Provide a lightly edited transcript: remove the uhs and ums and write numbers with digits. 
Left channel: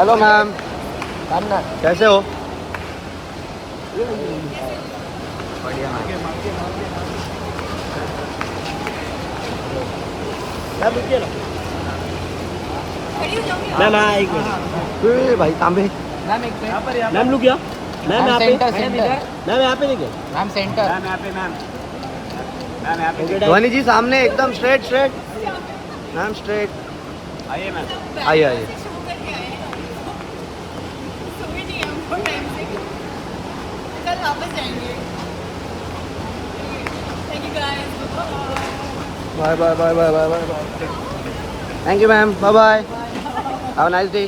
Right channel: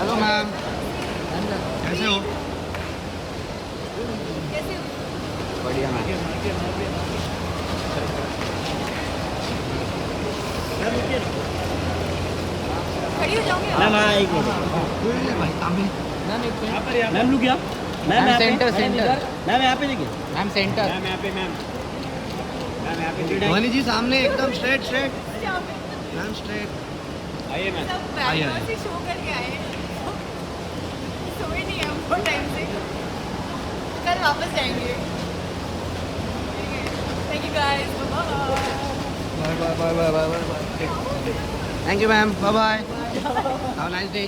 Hello ma'am, कैसे हो? बढ़िया मैम एक मिनट भाई तांबे। मैम लुक क्या मैम यहाँ पे मैम यहाँ पे देखिए मैम सेंटर। मैम यहाँ पे मैम यहाँ पे ध्वनि जी सामने एकदम स्ट्रेट स्ट्रेट। मैम स्ट्रेट आइए मैम आइए आइए। कल वापस जाएंगे। Thank you guys. Bye bye bye bye bye bye bye. Thank you ma'am, bye bye. Have a nice day.